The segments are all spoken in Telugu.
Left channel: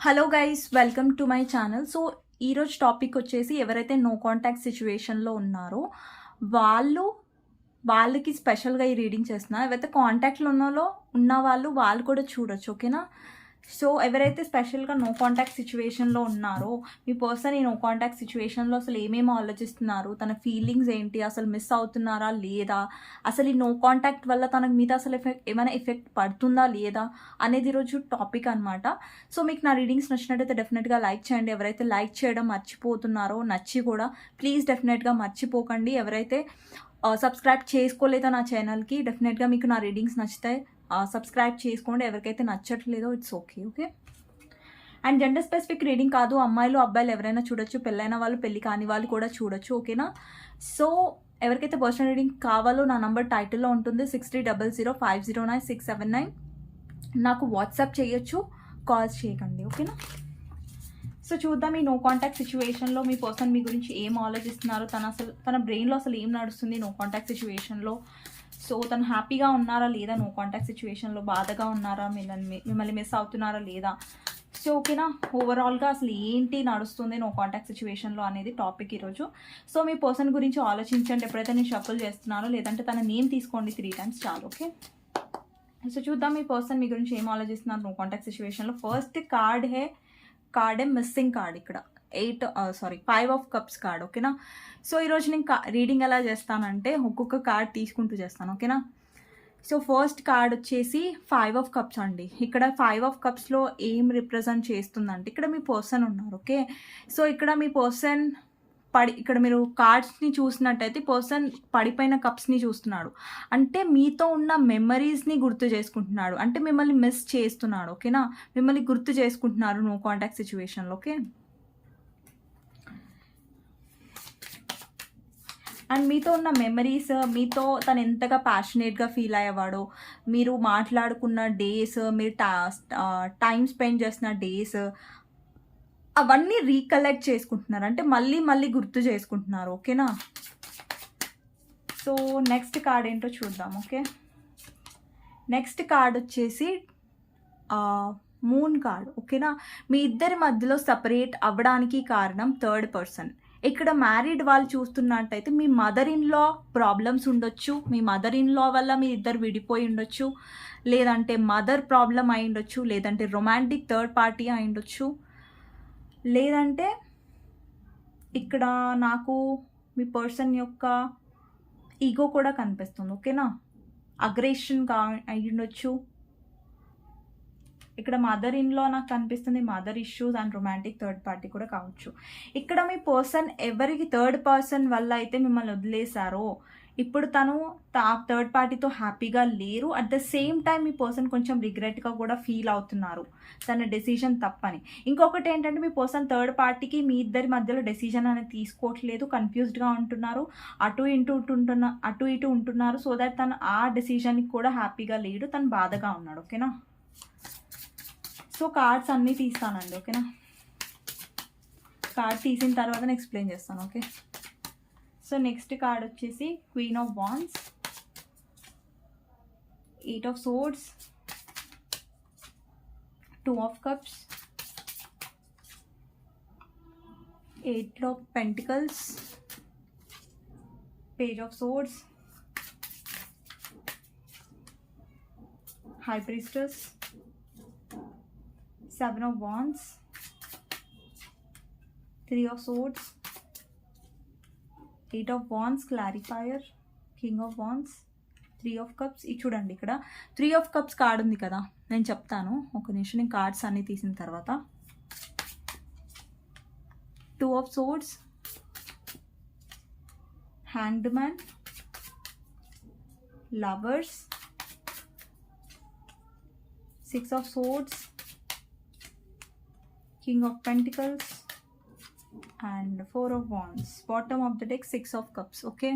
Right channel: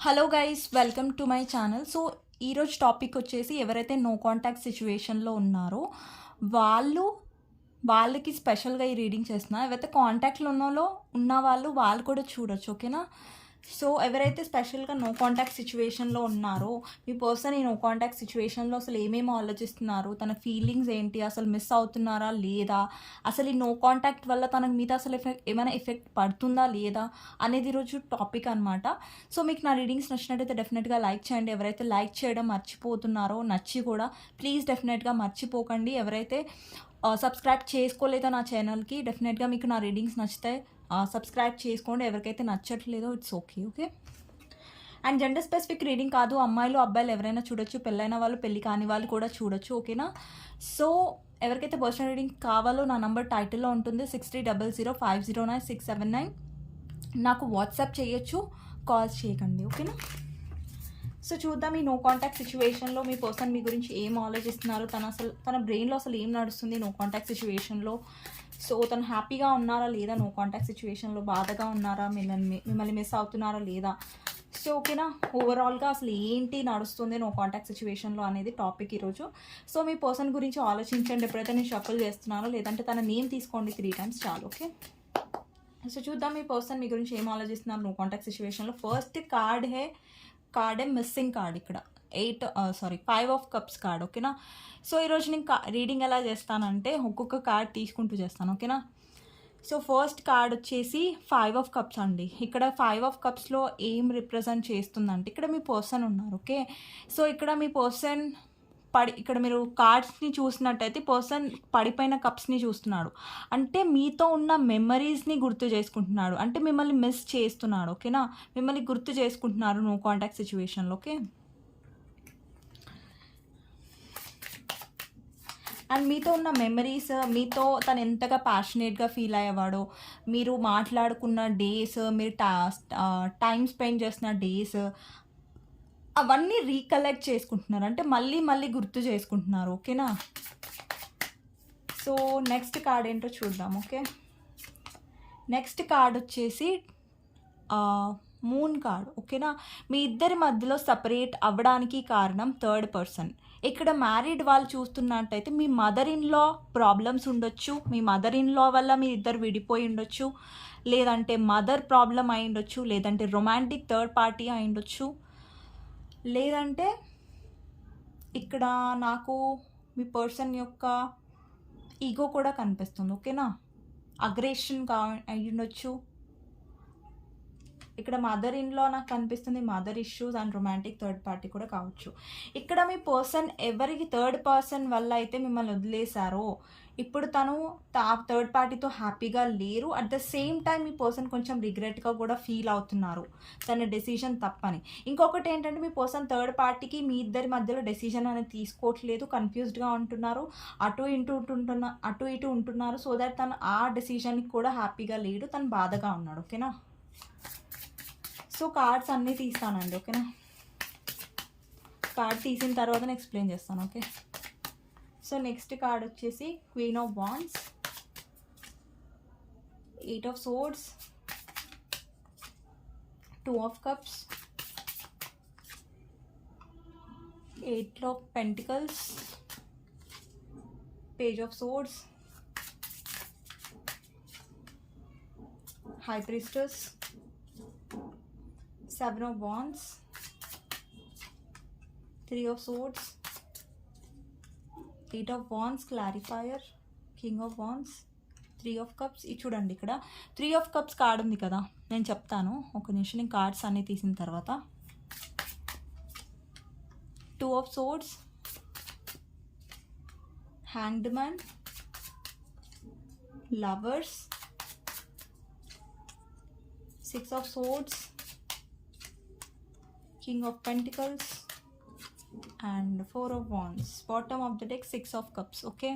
Hello guys welcome to my channel so ఈరోజు టాపిక్ వచ్చేసి ఎవరైతే నో కాంటాక్ట్ సిచ్యువేషన్లో ఉన్నారో వాళ్ళు వాళ్ళకి స్పెషల్గా ఈ రీడింగ్ చేస్తున్నారు ఎవరైతే కాంటాక్ట్లో ఉన్నాలో ఉన్న వాళ్ళు వాళ్ళు కూడా చూడొచ్చు ఓకేనా సో ఎవరైతే స్పెషల్గా నో కాంటాక్ట్ సిచ్యువేషన్లో ఉన్నారో మీ పర్సన్ ఈ నో కాంటాక్ట్ సిచ్యువేషన్లో అసలు ఏమేమి ఆలోచిస్తున్నారు? తన ఫీలింగ్స్ ఏంటి? అసలు మిస్ అవుతున్నారా? లేదా అసలు ఈ నో కాంటాక్ట్ వల్ల తన మీద అసలు ఎఫెక్ట్ ఏమైనా ఎఫెక్ట్ పడుతుందా? లేదా అనేది ఈరోజు టాపిక్ అనమాట సో మీకు నా రీడింగ్స్ నచ్చినట్టయితే డెఫినెట్గా లైక్ చేయండి. ఎవరైతే లైక్ చేయడం మర్చిపోతున్నారో నచ్చి కూడా ప్లీజ్ డెఫినెట్గా మర్చిపోకండి. ఎవరైతే సబ్స్క్రైబ్ చేసుకోలేదా నా ఛానల్కి డెఫినెట్గా మీకు నా రీడింగ్స్ నచ్చితే సబ్స్క్రైబ్ చేసుకోండి. ఎవరికైతే నచ్చట్లేదో it's okay okay and gender specific reading కాదు. అమ్మాయిలు అబ్బాయిలు ఎవరైనా చూడొచ్చు. పెళ్ళైన వాళ్ళు పెళ్ళి కాని వాళ్ళు కూడా చూడొచ్చు ఓకేనా సో ఎవరికైతే పర్సనల్ రీడింగ్ కావాలో నా నంబర్ టైటిల్లో ఉంటుంది. Six three double zero five zero nine six seven nine నాకు వాట్సాప్ చేయొచ్చు. కాల్స్ చేయకండి ఓకేనా సో చూద్దాం ఈ నో కాంటాక్ట్ సిచ్యువేషన్లో మీ పర్సన్ మీ గురించి ఏం ఆలోచిస్తున్నారో. తన అసలు తన బ్రెయిన్లో అసలు ఏం నడుస్తుంది నో కాంటాక్ట్ సిచ్యువేషన్లో సో తను హ్యాపీగా ఉన్నారా లేదా? నో కాంటాక్ట్ సిచ్యువేషన్లో బాధగా ఉన్నారా? మిమ్మల్ని మిమ్మల్ని మిస్ అవుతున్నారా లేదా? సో ఓకేనా ఓవరాల్గా అసలు ఏంటి నడుస్తుంది నో కాంటాక్ట్ సిచ్యువేషన్లో అనేది టాపిక్ ఈరోజు. సో మీ పర్సన్ గురించి ఆలోచించండి. ఎప్పుడైతే నేను షఫుల్ చేస్తున్నానో లేదంటే తన నేమ్ తీసుకోండి త్రీ టైమ్స్ చాలు ఓకే సో చూద్దాం మీ పర్సన్ మీ గురించి ఏం ఆలోచిస్తున్నారు? నో కాంటాక్ట్ సిచ్యువేషన్లో ఫస్ట్ కార్డ్ హే కార్డే మిస్సింగ్ కార్డ్ ఇక్కడ. Eight sorry five of cups card ఓకేనా సో ఈరోజు నేను రీడింగ్ ఎలా చేస్తానంటే ఒక్కొక్క కార్డ్ తీసుకుంటూ చేస్తాను ఓకేనా సో ఫస్ట్ కార్డ్ వచ్చేసి ఫైవ్ ఆఫ్ కప్స్ అండి. ఇక్కడ ఫైవ్ ఆఫ్ కప్స్లో ఏం రిప్రజెంట్ చేస్తుందంటే ఇక్కడ మీ పర్సన్ ఉన్నారు ఓకే సో ఇక్కడ మీ పర్సన్ పడి ఇక్కడ మీరు కార్డ్స్ని చూసినట్టయితే పర్సన్ పడిపోయిన కప్స్ని చూస్తున్నాడు. అంటే మీతో ఉన్న మెమరీస్ని గుర్తు చేసుకుంటున్నాడు. అంటే మిమ్మల్ని మిస్ చేస్తున్నాడు ఓకేనా మిమ్మల్ని గుర్తు చేసుకుంటున్నారు నో కాంటాక్ట్ సిచ్యువేషన్లో ఓకే అండ్ మీతో ఉన్న మెమరీస్ మీతో తను ఎంతగా ప్యాషనేట్గా ఫీల్ అయ్యేవాడో మీరు మాట్లాడుకున్న డేస్ మీరు టా టైం స్పెండ్ చేసిన డేస్ అవన్నీ రీకలెక్ట్ చేసుకుంటున్నారు. అంటే మళ్ళీ మళ్ళీ గుర్తు చేసుకుంటున్నారు. ఓకేనా సో నెక్స్ట్ కార్డ్ ఏంటో చూద్దాం. ఓకే నెక్స్ట్ కార్డ్ వచ్చేసి మూన్ కార్డ్ ఓకేనా మీ ఇద్దరి మధ్యలో సపరేట్ అవ్వడానికి కారణం థర్డ్ పర్సన్ ఇక్కడ మ్యారీడ్ వాళ్ళు చూస్తున్నట్టయితే మీ మదర్ ఇన్ లా ప్రాబ్లమ్స్ ఉండొచ్చు మీ మదర్ ఇన్ లా వల్ల మీ ఇద్దరు విడిపోయి ఉండొచ్చు లేదంటే మదర్ ప్రాబ్లం అయి ఉండొచ్చు లేదంటే రొమాంటిక్ థర్డ్ పార్టీ అయి ఉండొచ్చు. లేదంటే ఇక్కడ నాకు మీ పర్సన్ యొక్క ఈగో కూడా కనిపిస్తుంది ఓకేనా అగ్రెషన్ కా అయ్యుండొచ్చు ఇక్కడ మదర్ ఇన్లో నాకు కనిపిస్తుంది. Mother issues and romantic third party కూడా కావచ్చు. ఇక్కడ మీ పర్సన్ ఎవరికి థర్డ్ పర్సన్ వల్ల అయితే మిమ్మల్ని వదిలేశారో ఇప్పుడు తను థర్డ్ పార్టీతో హ్యాపీగా లేరు. అట్ ద సేమ్ టైం మీ పర్సన్ కొంచెం రిగ్రెట్గా కూడా ఫీల్ అవుతున్నారు. తన డెసిషన్ తప్పని. ఇంకొకటి ఏంటంటే మీ పర్సన్ థర్డ్ పార్టీకి మీ ఇద్దరి మధ్యలో డెసిషన్ అనేది తీసుకోవట్లేదు. కన్ఫ్యూజ్డ్గా ఉంటున్నారు. అటు ఇటు ఉంటున్న అటు ఇటు ఉంటున్నారు. సో దట్ తను ఆ డెసిషన్కి కూడా హ్యాపీగా లేడు. తను బాధగా ఉన్నాడు. ఓకేనా సో కార్డ్స్ అన్నీ తీస్తానండి ఓకేనా? కార్డ్ తీసిన తర్వాత నేను ఎక్స్ప్లెయిన్ చేస్తాను ఓకే? సో నెక్స్ట్ కార్డ్ వచ్చేసి queen of wands eight of swords two of cups eight of pentacles page of swords high priestess seven of wands three of swords eight of wands clarifier king of wands three of cups ఇది చూడండి ఇక్కడ త్రీ ఆఫ్ కప్స్ కార్డ్ ఉంది కదా నేను చెప్తాను. ఒక నిమిషం నేను కార్డ్స్ అన్నీ తీసిన తర్వాత. Two of swords hanged man lovers six of swords king of pentacles and four of wands bottom of the deck six of cups okay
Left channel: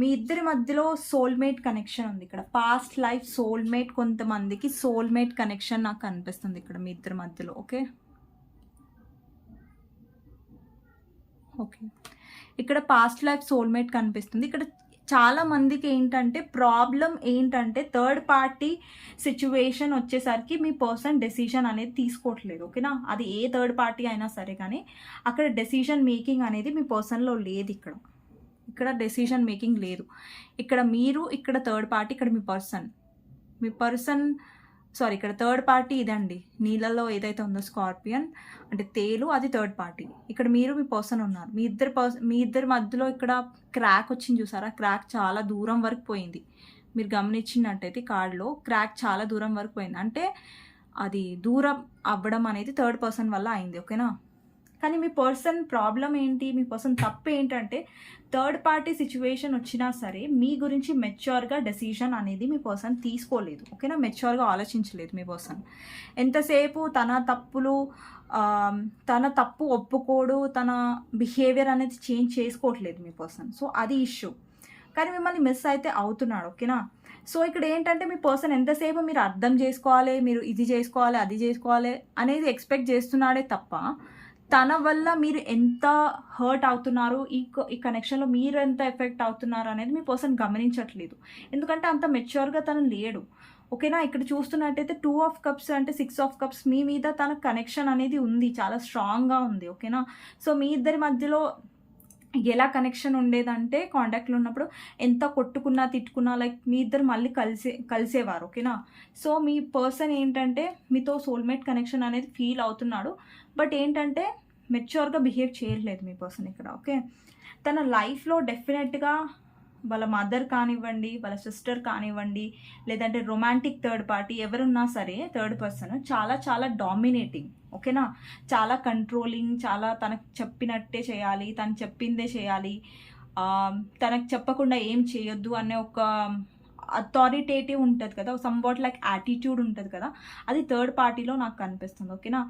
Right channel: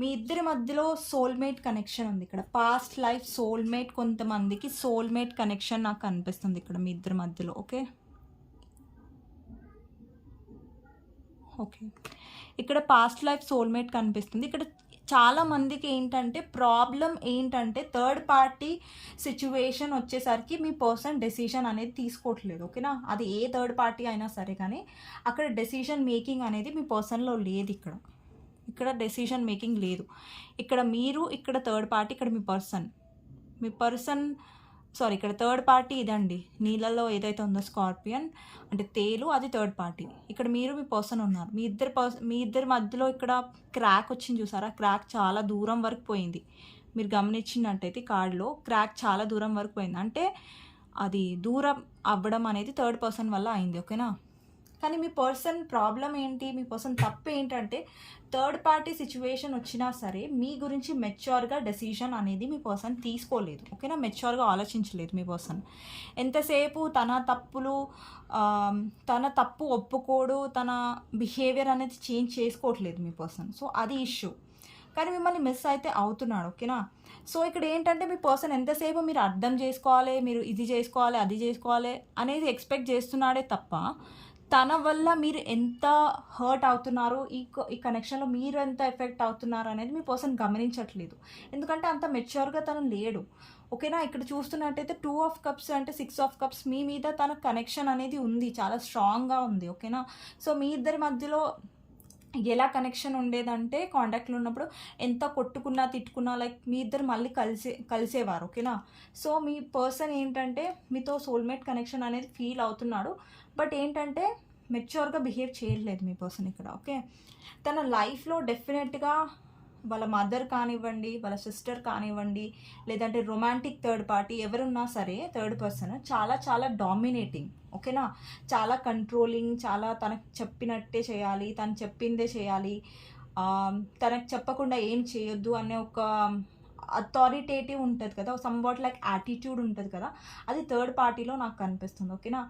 మీ ఇద్దరి మధ్యలో సోల్మేట్ కనెక్షన్ ఉంది ఇక్కడ. పాస్ట్ లైఫ్ సోల్మేట్ కొంతమందికి సోల్మేట్ కనెక్షన్ నాకు కనిపిస్తుంది ఇక్కడ మీ ఇద్దరి మధ్యలో ఓకే ఓకే ఇక్కడ పాస్ట్ లైఫ్ సోల్మేట్ కనిపిస్తుంది. ఇక్కడ చాలా మందికి ఏంటంటే ప్రాబ్లం ఏంటంటే థర్డ్ పార్టీ సిచ్యువేషన్ వచ్చేసరికి మీ పర్సన్ డెసిషన్ అనేది తీసుకోవట్లేదు ఓకేనా? అది ఏ థర్డ్ పార్టీ అయినా సరే కానీ అక్కడ డెసిషన్ మేకింగ్ అనేది మీ పర్సన్లో లేదు ఇక్కడ. ఇక్కడ డెసిషన్ మేకింగ్ లేదు. ఇక్కడ మీరు ఇక్కడ థర్డ్ పార్టీ ఇక్కడ మీ పర్సన్. మీ పర్సన్ సారీ ఇక్కడ థర్డ్ పార్టీ ఇదండి. నీళ్ళలో ఏదైతే ఉందో స్కార్పియన్ అంటే తేలు అది థర్డ్ పార్టీ ఇక్కడ మీరు మీ పర్సన్ ఉన్నారు. మీ ఇద్దరు పర్సన్ మీ ఇద్దరి మధ్యలో ఇక్కడ క్రాక్ వచ్చింది చూసారా? క్రాక్ చాలా దూరం వరకు పోయింది. మీరు గమనించినట్టయితే కార్డులో క్రాక్ చాలా దూరం వరకు పోయింది. అంటే అది దూరం అవ్వడం అనేది థర్డ్ పర్సన్ వల్ల అయింది ఓకేనా కానీ మీ పర్సన్ ప్రాబ్లం ఏంటి? మీ పర్సన్ తప్పు ఏంటంటే థర్డ్ పార్టీ సిచ్యువేషన్ వచ్చినా సరే మీ గురించి మెచ్యూర్గా డెసిషన్ అనేది మీ పర్సన్ తీసుకోలేదు. ఓకేనా? మెచ్యూర్గా ఆలోచించలేదు మీ పర్సన్. ఎంతసేపు తన తప్పులు తన తప్పు ఒప్పుకోడు తన బిహేవియర్ అనేది చేంజ్ చేసుకోవట్లేదు మీ పర్సన్. సో అది ఇష్యూ. కానీ మిమ్మల్ని మిస్ అయితే అవుతున్నాడు. ఓకేనా? సో ఇక్కడ ఏంటంటే మీ పర్సన్ ఎంతసేపు మీరు అర్థం చేసుకోవాలి మీరు ఇది చేసుకోవాలి అది చేసుకోవాలి అనేది ఎక్స్పెక్ట్ చేస్తున్నాడే తప్ప తన వల్ల మీరు ఎంత హర్ట్ అవుతున్నారు? ఈ ఈ కనెక్షన్లో మీరు ఎంత ఎఫెక్ట్ అవుతున్నారు అనేది మీ పర్సన్ గమనించట్లేదు. ఎందుకంటే అంత మెచ్యూర్గా తను లేడు. ఓకేనా? ఇక్కడ చూస్తున్నట్టయితే టూ ఆఫ్ కప్స్ అంటే సిక్స్ ఆఫ్ కప్స్ మీ మీద తన కనెక్షన్ అనేది ఉంది. చాలా స్ట్రాంగ్గా ఉంది. ఓకేనా? సో మీ ఇద్దరి మధ్యలో ఎలా కనెక్షన్ ఉండేదంటే కాంటాక్ట్లో ఉన్నప్పుడు ఎంత కొట్టుకున్నా తిట్టుకున్నా లైక్ మీ ఇద్దరు మళ్ళీ కలిసే కలిసేవారు ఓకేనా సో మీ పర్సన్ ఏంటంటే మీతో సోల్మేట్ కనెక్షన్ అనేది ఫీల్ అవుతున్నాడు. బట్ ఏంటంటే మెచ్యూర్గా బిహేవ్ చేయట్లేదు మీ పర్సన్ ఇక్కడ ఓకే తన లైఫ్లో డెఫినెట్గా వాళ్ళ మదర్ కానివ్వండి వాళ్ళ సిస్టర్ కానివ్వండి లేదంటే రొమాంటిక్ థర్డ్ పార్టీ ఎవరున్నా సరే థర్డ్ పర్సన్ చాలా చాలా డామినేటింగ్ ఓకేనా? చాలా కంట్రోలింగ్ చాలా తనకు చెప్పినట్టే చేయాలి తను చెప్పిందే చేయాలి. తనకు చెప్పకుండా ఏం చేయొద్దు అనే ఒక అథారిటేటివ్ ఉంటుంది కదా సమ్ వాట్ లైక్ యాటిట్యూడ్ ఉంటుంది కదా అది థర్డ్ పార్టీలో నాకు కనిపిస్తుంది ఓకేనా?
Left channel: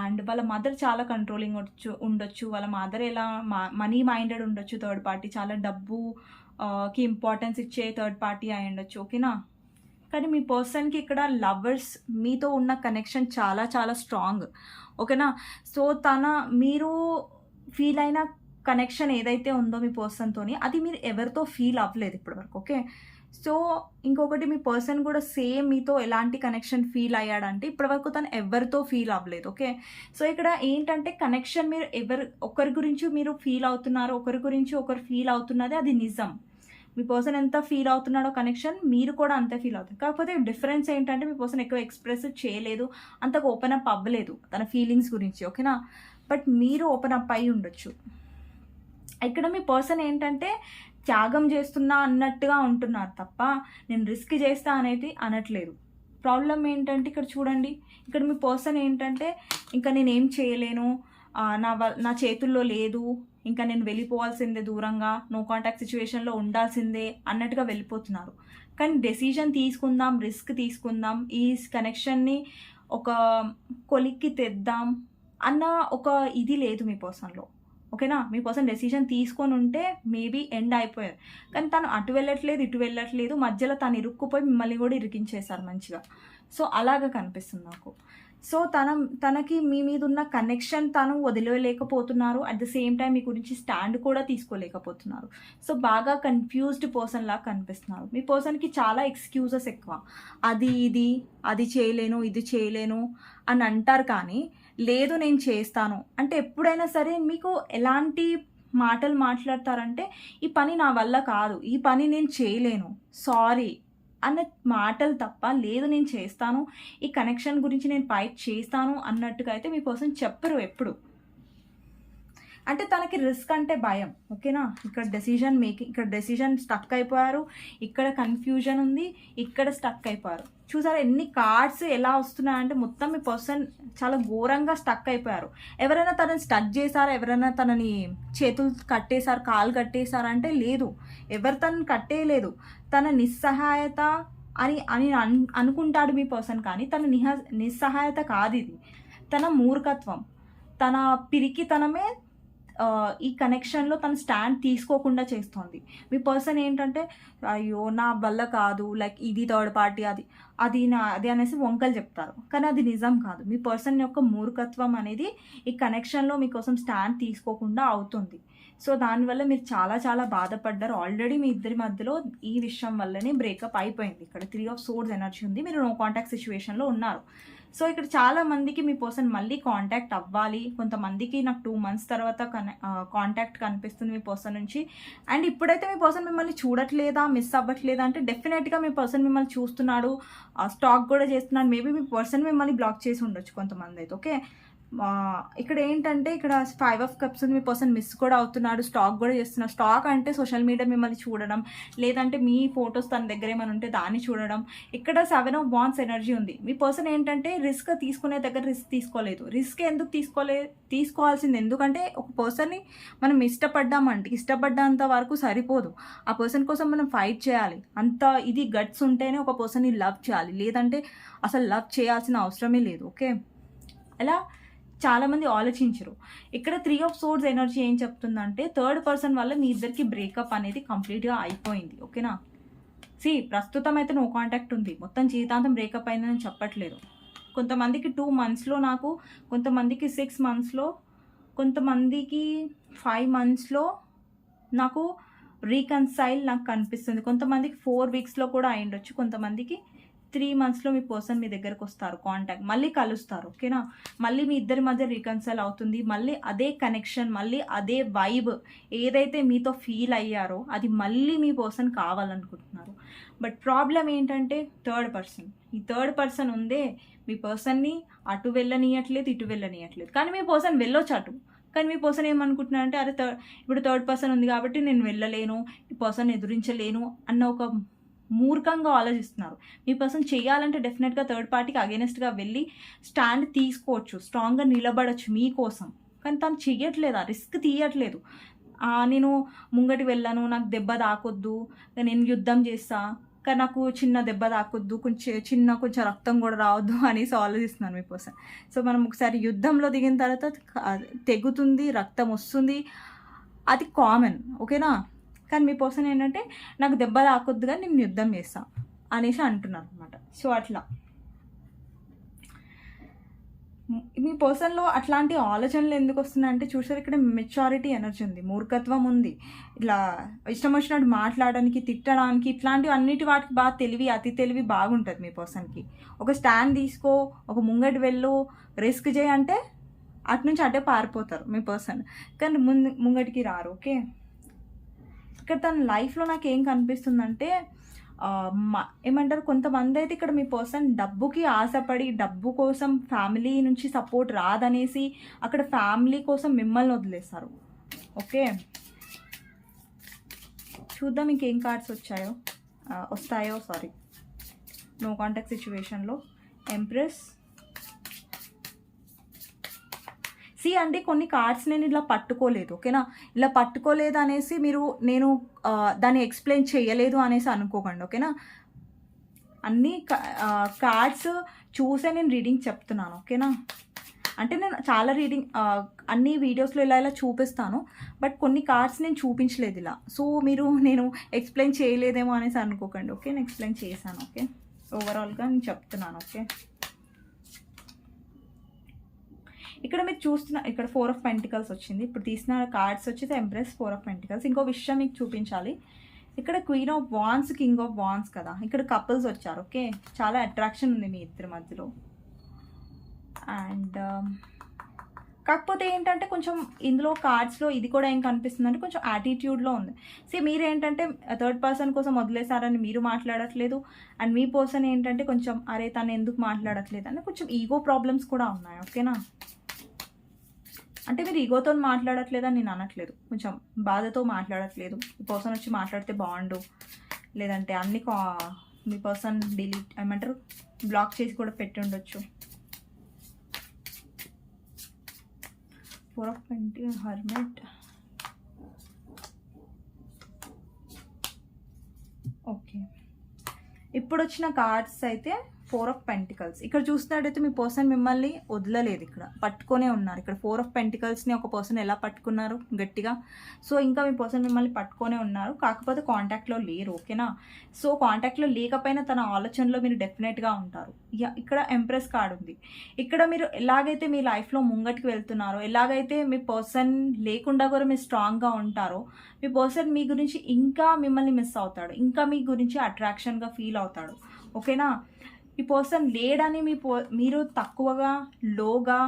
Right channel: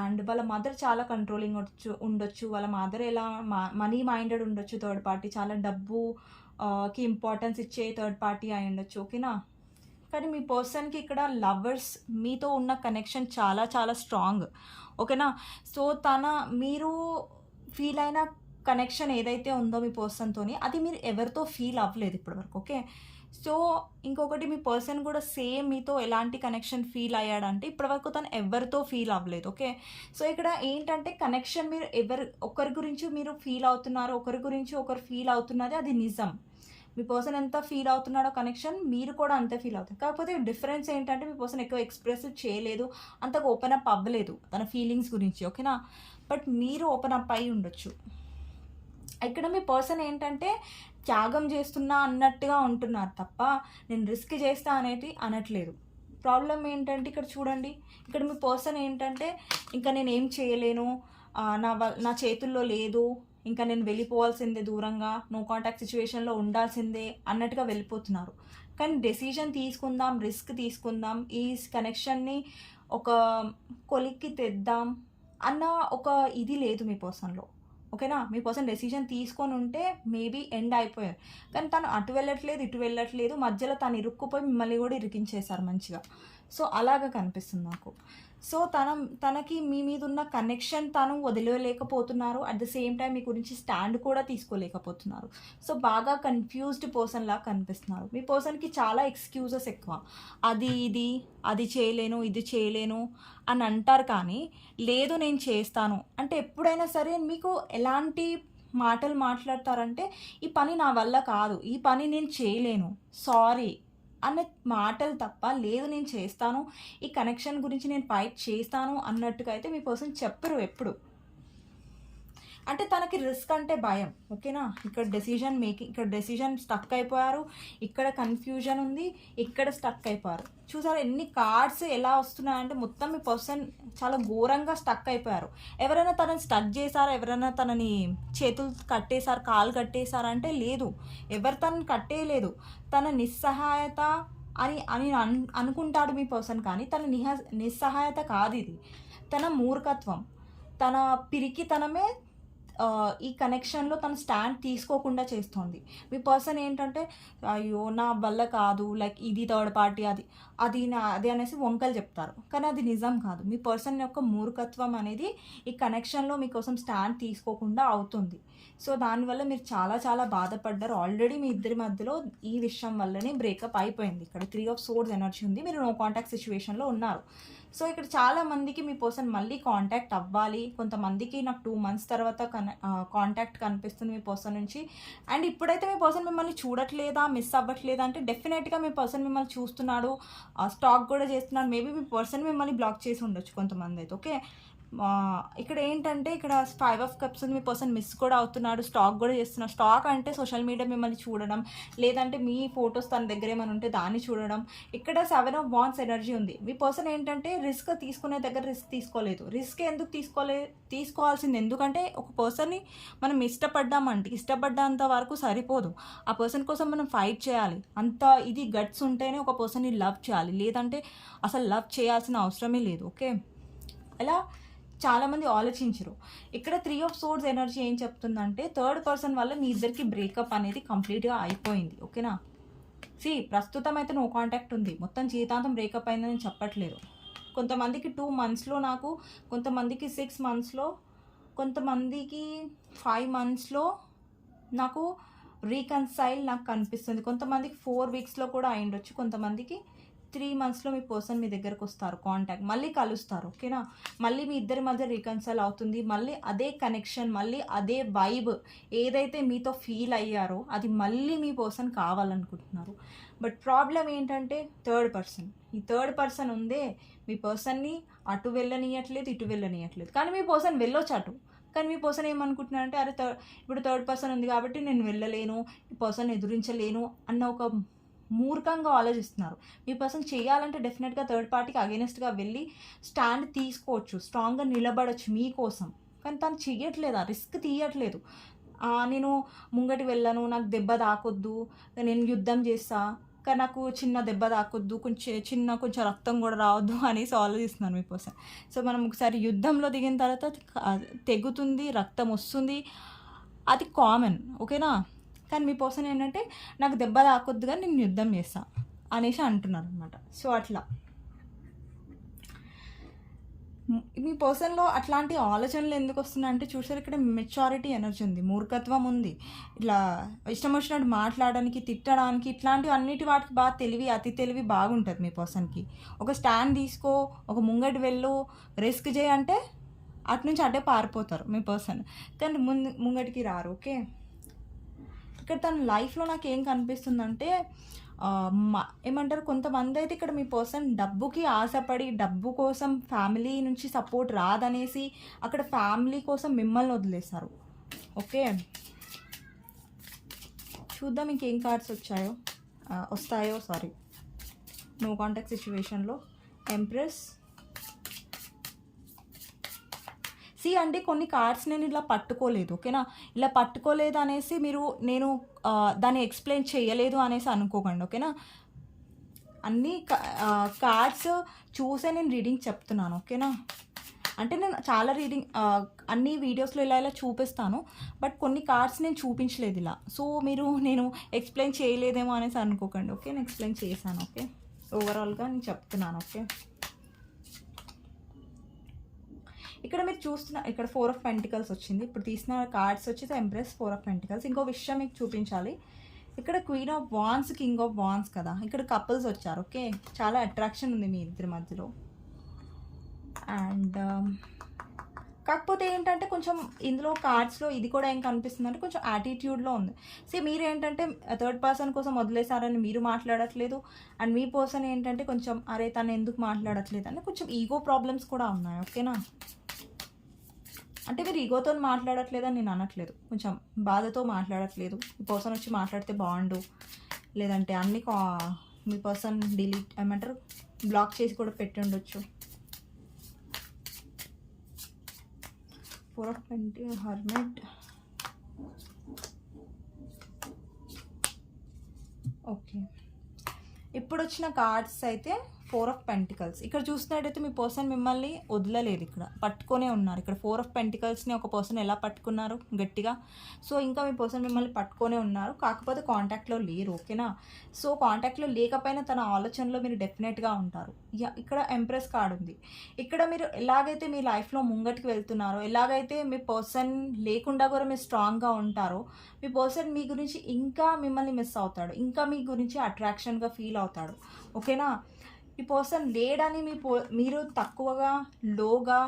అండ్ వాళ్ళ మదర్ చాలా కంట్రోలింగ్ ఉండొచ్చు ఉండొచ్చు. వాళ్ళ మదర్ ఎలా మనీ మైండెడ్ ఉండొచ్చు థర్డ్ పార్టీ చాలా డబ్బు కి ఇంపార్టెన్స్ ఇచ్చే థర్డ్ పార్టీ అయి ఉండొచ్చు. ఓకేనా కానీ మీ పర్సన్కి ఇక్కడ లవర్స్ మీతో ఉన్న కనెక్షన్ చాలా చాలా స్ట్రాంగ్ ఓకేనా సో తన మీరు ఫీల్ అయిన కనెక్షన్ ఏదైతే ఉందో మీ పర్సన్తోని అది మీరు ఎవరితో ఫీల్ అవ్వలేదు ఇప్పటివరకు. ఓకే సో ఇంకొకటి మీ పర్సన్ కూడా సేమ్ మీతో ఎలాంటి కనెక్షన్ ఫీల్ అయ్యాడంటే ఇప్పటివరకు తను ఎవరితో ఫీల్ అవ్వలేదు ఓకే? సో ఇక్కడ ఏంటంటే కనెక్షన్ మీరు ఎవరు ఒకరి గురించి మీరు ఫీల్ అవుతున్నారు ఒకరి గురించి ఒకరు ఫీల్ అవుతున్నది అది నిజం. మీ పర్సన్ ఎంత ఫీల్ అవుతున్నాడో కనెక్షన్ మీరు కూడా అంతే ఫీల్ అవుతారు. కాకపోతే డిఫరెన్స్ ఏంటంటే మీ పర్సన్ ఎక్కువ ఎక్స్ప్రెస్ చేయలేదు అంతకు ఓపెన్ అప్ అవ్వలేదు తన ఫీలింగ్స్ గురించి ఓకేనా? బట్ మీరు ఓపెన్ అప్ అయి ఉండొచ్చు. ఇక్కడ మీ పర్సన్ ఏంటంటే త్యాగం చేస్తున్నా అన్నట్టుగా ఉంటున్నారు తప్ప నేను రిస్క్ చేస్తా అనేది అనట్లేదు. ప్రాబ్లం ఏంటంటే ఇక్కడ చూడండి ఇక్కడ మీ పర్సన్ ఏంటంటే ఇంకా నేను ఏం చేయలేను నా వ- నా చేతుల్లో లేదు ఇంకా నేను వెళ్ళిపోవాల్సిందే దూరంగా నో కాంటాక్ట్ సిచ్యువేషన్లో ఉండాల్సిందే అన్నట్టుగా వెళ్ళిపోతున్నారు. కానీ డెసిజన్ తీసుకుందాం రిస్క్ తీసుకుందాం ఈ కనెక్షన్ని ఒక కొలిక్కి తెద్దాం అన్న ఒక ఇది లేదు మీ పర్సన్లో. ఓకేనా? మీ పర్సన్ డెసిషన్ తీసుకొని ఉంటే మేబీ ఎండ్ అయిపోయారు. కానీ తను అటు వెళ్ళట్లేదు ఇటు వెళ్ళట్లేదు. మధ్యలో తను ఇరుక్కుపోయి మిమ్మల్ని కూడా ఇరికించేశారు మంచిగా. సో అలాగా కనిపిస్తుంది నాకు. సో తన తనకి మీ మీద ఉన్న కనెక్షన్ తను వదిలేయలేకపోతున్నారు. అట్ ద సేమ్ టైం మీ గురించి స్టాండ్ కూడా తీసుకోలేకపోతున్నారు. సో బాగా కన్ఫ్యూజ్డ్ పర్సన్ లాగా కనిపిస్తున్నారు. మీ పర్సన్కి చాలా ఎక్స్క్యూజెస్ ఎక్కువ. అది ఇది అది చేయలేను ఇది చేయలేను అని అంటారు కానీ లేదు నేను చేస్తాను. అంటే ఎప్పుడైనా సరే మీకు ఎలాంటి మాటలు మాట్లాడతారంటే ఈ పని నా వల్ల కాదు. ఈ పని నేను చేయలేను. సారీ అన్న మాటలు తప్ప లేదు నేను చేస్తాను ఈ కనెక్షన్ గురించి నేను ఫైట్ చేస్తాను అన్నట్టుగా అయితే మీ పర్సన్ చెప్పరు ఎప్పుడు. అంటే తనకి రిస్క్ అంటే భయం ఓకేనా? ఇక్కడ డెసిషన్ మేకింగ్ ఇక్కడ డెసిషన్ స్టక్ అయిపోయారు ఇక్కడ కన్ఫ్యూజన్ ఉంది ఇక్కడ స్టక్ అయిపోయారు. చూసారా ఎన్ని కార్డ్స్ ఎలా వస్తున్నాయంటే మొత్తం మీ పర్సన్ చాలా ఘోరంగా స్టక్ అయిపోయారు. ఎవరైనా తనని స్టక్ చేశారా ఎవరైనా తనని చేతులు కట్టేశారు కాలు కట్టేశారా అంటే లేదు. ఎవరు తనని కట్టేయలేదు. తన నిస్సహాయత అని అని అనుకుంటాడు మీ పర్సన్ కానీ తన నిహ నిస్సహాయత కాదు ఇది. తన మూర్ఖత్వం తన పిరికితనమే ఈ కనెక్షన్లో తన స్టాండ్ తీసుకోకుండా చేస్తోంది. మీ పర్సన్ ఏంటంటే అయ్యో నా వల్ల కాదు లైక్ ఇది థర్డ్ పార్టీ అది అది నా అది అనేసి వంకలు చెప్తారు. కానీ అది నిజం కాదు. మీ పర్సన్ యొక్క మూర్ఖత్వం అనేది ఈ కనెక్షన్లో మీకోసం స్టాండ్ తీసుకోకుండా అవుతుంది. సో దానివల్ల మీరు చాలా చాలా బాధపడ్డారు. ఆల్రెడీ మీ ఇద్దరి మధ్యలో ఈ విషయం వల్లనే బ్రేకప్ అయిపోయింది. ఇక్కడ త్రీ ఆఫ్ సోర్స్ ఎనర్జీ ఉంది. మీరు నో కాంటాక్ట్ సిచ్యువేషన్లో ఉన్నారు. సో ఇక్కడ చాలా మందికి మీ పర్సన్ మళ్ళీ కాంటాక్ట్ అవ్వాలి. కొంతమందికి నాకు టూ మంత్స్ తర్వాత కన కాంటాక్ట్ కనిపిస్తుంది మీ పర్సన్ నుంచి. అండ్ ఇప్పుడైతే మీ పర్సన్ మిమ్మల్ని చూడట్లేదా? మిస్ అవ్వట్లేదా? అంటే డెఫినెట్గా మీ పర్సన్ మిమ్మల్ని చూస్తున్నాడు. స్టాక్ కూడా చేస్తున్నాడు. మేబీ మీ పర్సన్ మిమ్మల్ని బ్లాక్ చేసి ఉండొచ్చు కొంతమంది అయితే ఓకే ఇక్కడ ఏంటంటే ఇక్కడ ఫైవ్ ఆఫ్ కప్స్ ఉంది మీ పర్సన్ మిస్ కూడా అవుతున్నాడు స్టాక్ కూడా చేస్తున్నాడు. స్టాక్ అంటే సోషల్ మీడియా మిమ్మల్ని చూడడం లేదంటే మీ ఫొటోస్ తన దగ్గర ఏమైనా ఉంటే దాన్ని చూడడం. ఇక్కడ సెవెన్ ఆఫ్ బాన్స్ ఎనర్జీ ఉంది. మీ పర్సన్ ఏంటంటే రిస్క్ తీసుకునే దగ్గర రిస్క్ తీసుకోలేదు. రిస్క్ ఎందుకు తీసుకోలే తీసుకోవాల్సింది ఎందుకంటే ఒక పర్సన్ని మనం ఇష్టపడ్డామంటే ఇష్టపడ్డంత వరకు సరిపోదు. ఆ పర్సన్ కోసం మనం ఫైట్ చేయాలి. అంత ఇది గట్స్ ఉంటేనే ఒక పర్సన్ని లవ్ చేయాలి. లేదంటే అసలు లవ్ చేయాల్సిన అవసరమే లేదు. ఓకే ఎలా? చాలామంది ఆలోచించరు. ఇక్కడ త్రీ ఆఫ్ సోర్స్ ఎనర్జీ ఏం చెప్తుందంటే థర్డ్ పర్సన్ వల్ల మీ ఇద్దరికి బ్రేకప్ అనేది కంప్లీట్గా అయిపోయింది. ఓకేనా? సి ప్రస్తుతం అయితే నో కాంటాక్ట్ ఉంది. మొత్తం జీవితాంతం బ్రేకప్ అయిందని చెప్పట్లేదు. కొంతమందికి టూ మంత్స్లో నాకు కొంతమందికి సిక్స్ మంత్స్లో కొంతమందికి ఫైవ్ మంత్స్లో నాకు రీకన్సైల్ నాకు కనిపిస్తుంది. కొంతమందికి ఫోర్ వీక్స్లో కూడా అయిండొచ్చు కొంతమందికి త్రీ మంత్స్లో మీ పర్సన్ మీ దగ్గరకు వస్తారు కాంటాక్ట్. మళ్ళీ కలుస్తారు ఓకేనా? మళ్ళీ మీ ఇద్దరి మధ్య రీకన్సైల్ అవుతుంది. మళ్ళీ అదే కనెక్షన్ మళ్ళీ అదే వైబ్ ఏదైతే మీతో ఫీల్ అయ్యారో అది మళ్ళీ మీ పర్సన్ కావాలనుకుంటున్నారు. బట్ ప్రాబ్లం ఏంటంటే థర్డ్ పర్సన్. ఈ థర్డ్ పర్సన్ ఉందే మీ పర్సన్ని అటు వెళ్ళనీయట్లేదు ఇటు వెళ్ళనీయట్లేదు. కానీ మీ పర్సన్ వెళ్ళొచ్చు అటు. కానీ మీ పర్సన్ ఏమనుకుంటున్నారంటే అరే థర్డ్ ఇప్పుడు థర్డ్ పర్సన్ ఉంది కాబట్టి నేను వెళ్ళలేను ఈ పర్సన్ ఎదురించలేను అన్న ఒక మూర్ఖంగా ఆలోచిస్తున్నారు. మీ పర్సన్ చేయాలంటే డెఫినెట్గా థర్డ్ పార్టీకి అగేనెస్ట్గా వెళ్ళి స్టాండ్ తీసుకోవచ్చు స్ట్రాంగ్గా నిలబడచ్చు మీకోసం. కానీ తను చెయ్యట్లేదు ఆ రిస్క్ తీయట్లేదు. నేను ముంగటి వెళ్ళను నాకు దెబ్బ తాకొద్దు నేను యుద్ధం చేస్తా కానీ నాకు చిన్న దెబ్బ తాకొద్దు కొంచెం చిన్న కొంచెం రక్తం కూడా రావద్దు అనేసి ఆలోచిస్తున్నాను మీ కోసం సో మనం ఒకసారి యుద్ధంలో దిగిన తర్వాత తెగుతుంది రక్తం వస్తుంది. అది కామన్ ఓకేనా? కానీ మీ పర్సన్ ఏంటంటే నాకు దెబ్బ తాకొద్దు కానీ నేను యుద్ధం చేస్తా అనేసి అంటున్నారు అనమాట సో అట్లా. మీ పర్సన్లో అట్లాంటి ఆలోచనలు ఎందుకు వస్తున్నాయంటే చూసారు ఇక్కడ మెచ్యూరిటీ ఎనర్జీ ఉంది మూర్ఖత్వం ఉంది. ఇట్లా ఇష్టం వచ్చినట్టు మాట్లాడడానికి తిట్టడానికి ఇట్లాంటివి అన్నిటి వాటికి బాగా తెలివి అతి తెలివి బాగుంటుంది మీ పర్సన్కి. ఒక స్టాండ్ తీసుకో ఒక ముంగటి వెళ్ళు రిస్క్ చేయంటే అటు నుంచి అటే పారిపోతారు మీ పర్సన్. కానీ ముందు ముంగటికి రారు ఓకే? ఇక్కడ తన లైఫ్లో నాకు ఏం కనిపిస్తుందంటే ఏమంటారు కొంతమంది అయితే ఇక్కడ మీ పర్సన్ డబ్బుకి ఆశపడి డబ్బు కోసం ఫ్యామిలీ నుంచి సపోర్ట్ రాదనేసి అక్కడ ఫ్యామిలీ కోసం మిమ్మల్ని వదిలేస్తారు ఓకే? చూద్దాం ఇంకేం కార్డ్స్ వచ్చాయో. వస్తాయో సారీ నో కాంటాక్ట్ సిచ్యువేషన్లో ఎంప్రెస్ సి అంటే కొన్ని కార్డ్స్ నేను ఇలా పట్టుకోలేదు ఓకేనా? ఇలా పట్టుకోలేదు అనేసి మీరు నేను దాన్ని ఎక్స్ప్లెయిన్ చేయలేదు అనేసి అనుకోకండి ఓకేనా? అన్ని కార్డ్స్ చూసే నేను రీడింగ్ చెప్తున్నాను ఓకేనా? అంటే నేను చాలా రీడింగ్ అన్ని వీడియోస్లో ఇలా ఇలా చూపిస్తాను బట్ కొన్ని కార్డ్స్ నేను చూపించలేదు ఇలా. సో మీరు నేను ఎక్స్ప్లెయిన్ చేయలేదేమో అనేసి అనుకోకండి ఓకే? నేను ఎక్స్ప్లెయిన్ చేశాను ఓకే? ఓవరాల్గా నేను చెప్తున్నాను ఓకే? ఇక్కడ మీరు చూస్తున్న ఇక్కడ ఫోర్ ఆఫ్ పెంటికల్స్ వచ్చింది. ఇప్పుడు తీసిన కార్డ్స్ వచ్చేసి ఎంప్రెస్ ఫోర్ ఆఫ్ పెంటికల్స్ ఇంకో విషయం మీకు చూపించాలి. ఇక్కడ queen of wands king of wands కదా. ఇక్కడ కపుల్స్ వచ్చారు ఓకే? చాలా అట్రాక్షన్ ఉంది మీ ఇద్దరి మధ్యలో. అండ్ um, కాకపోతే ఏంటంటే కొంచెం ఇందులో కార్డ్స్లో ఇది కూడా ఏం కనిపిస్తుంది అంటే కొంచెం యాటిట్యూడ్లో ఉంది. సో మీరు ఏంటంటే థర్డ్ పర్సన్ కోసం వదిలేశారని మీరు మాట్లాడట్లేదు. అండ్ మీ పర్సన్ ఏంటంటే కొంచెం అరే తను ఎందుకు మాట్లాడట్లేదు? అని కొంచెం ఈగో ప్రాబ్లమ్స్ కూడా ఉన్నాయి ఓకేనా? అంటే మీరు ఈగోతో మాట్లాడట్లేదని నేను అనట్లేదు. కొంచెం బాధతో మాట్లాడట్లేదు. ఈ పర్సన్ వచ్చి మాట్లాడితే బాగుండు. లేదంటే అన్ని కా- మీ పర్సన్ డిలీట్ ఏమంటారు బ్లాక్ చేసి కూడా పెట్టి ఉండొచ్చు. Four of twenty hermit okay ఇప్పుడు వచ్చిన కార్డ్స్ అయితే ఫోర్ ఆఫ్ పెంటికల్స్. ఇక్కడ చూసినట్టయితే మీ పర్సన్ మిమ్మల్ని వదలలేదు ఇక్కడ. పట్టుకొనే ఉన్నారు. ఇక్కడ ఫోర్ ఆఫ్ పెంటికల్స్ని ఒక పర్సన్ ఎలా పట్టుకున్నారు? గట్టిగా. సో ఇంకా మీ పర్సన్ మిమ్మల్ని పట్టుకొనే ఉన్నారు. కాకపోతే కాంటాక్ట్లో లేరు. ఓకేనా? సో కాంటాక్ట్లో లేకపోయినా తన ఆలోచనలో మీరు డెఫినెట్గా ఉంటారు. ఇక్కడ ఎంప్రెస్ కార్డ్ ఉంది. ఇక్కడ మీరు ఎలాగైతే మీ లైఫ్లో ముంగటికి వెళ్తున్నారో ఎలాగైతే మీ పర్సన్ లేకుండా కూడా మీరు స్ట్రాంగ్గా ఉంటారో మీ పర్సన్ మీ గురించి ఇంకా మిమ్మల్ని మిస్ అవుతాడు. ఇంకా మీ గురించి అట్రాక్షన్గా ఫీల్ అవుతాడు. ఓకేనా? ఈ పర్సన్ లేడని మీ పో మీరు తక్కువగా లోగా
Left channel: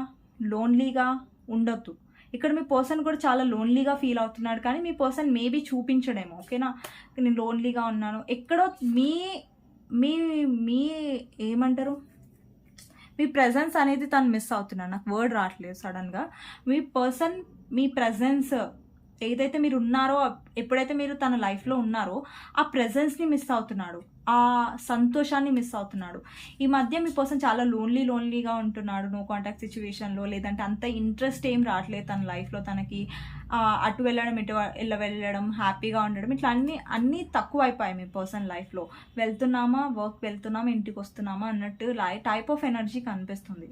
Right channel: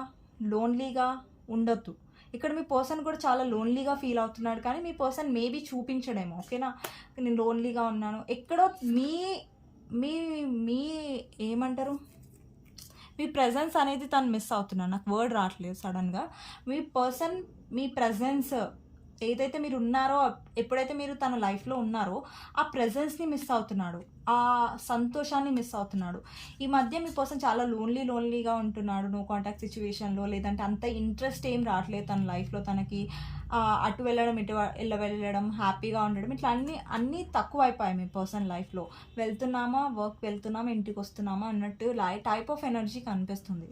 లోన్లీగా ఉండొద్దు. ఇక్కడ మీ పర్సన్ కూడా చాలా లోన్లీగా ఫీల్ అవుతున్నాడు కానీ మీ పర్సన్ మేబీ చూపించడేమో ఓకేనా? నేను లోన్లీగా ఉన్నాను. ఎక్కడో మీ మీ మీ ఏమంటారు? మీ ప్రజెన్స్ అనేది తను మిస్ అవుతున్నాను నాకు వర్డ్ రావట్లేదు సడన్గా మీ పర్సన్ మీ ప్రజెన్స్ ఏదైతే మీరు ఉన్నారో ఎప్పుడైతే మీరు తన లైఫ్లో ఉన్నారో ఆ ప్రెజెన్స్ని మిస్ అవుతున్నాడు. ఆ సంతోషాన్ని మిస్ అవుతున్నాడు. ఈ మధ్య మీ పర్సన్ చాలా లోన్లీ లోన్లీగా ఉంటున్నాడు. నో కాంటాక్ట్ సిచ్యువేషన్లో లేదంటే అంత ఇంట్రెస్ట్ ఏం రావట్లేదు తన లైఫ్లో. తనకి అటు వెళ్ళడం ఇటు వెళ్ళ వెళ్ళడం హ్యాపీగా ఉండడం ఇట్లా అన్ని అన్నీ తక్కువ అయిపోయాయి మీ పర్సన్ లైఫ్లో వెళ్తున్నామా? వర్క్ వెళ్తున్నామా? ఇంటికి వస్తున్నామా? అన్నట్టు లై టైప్ ఆఫ్ ఎనర్జీ కనిపిస్తుంది.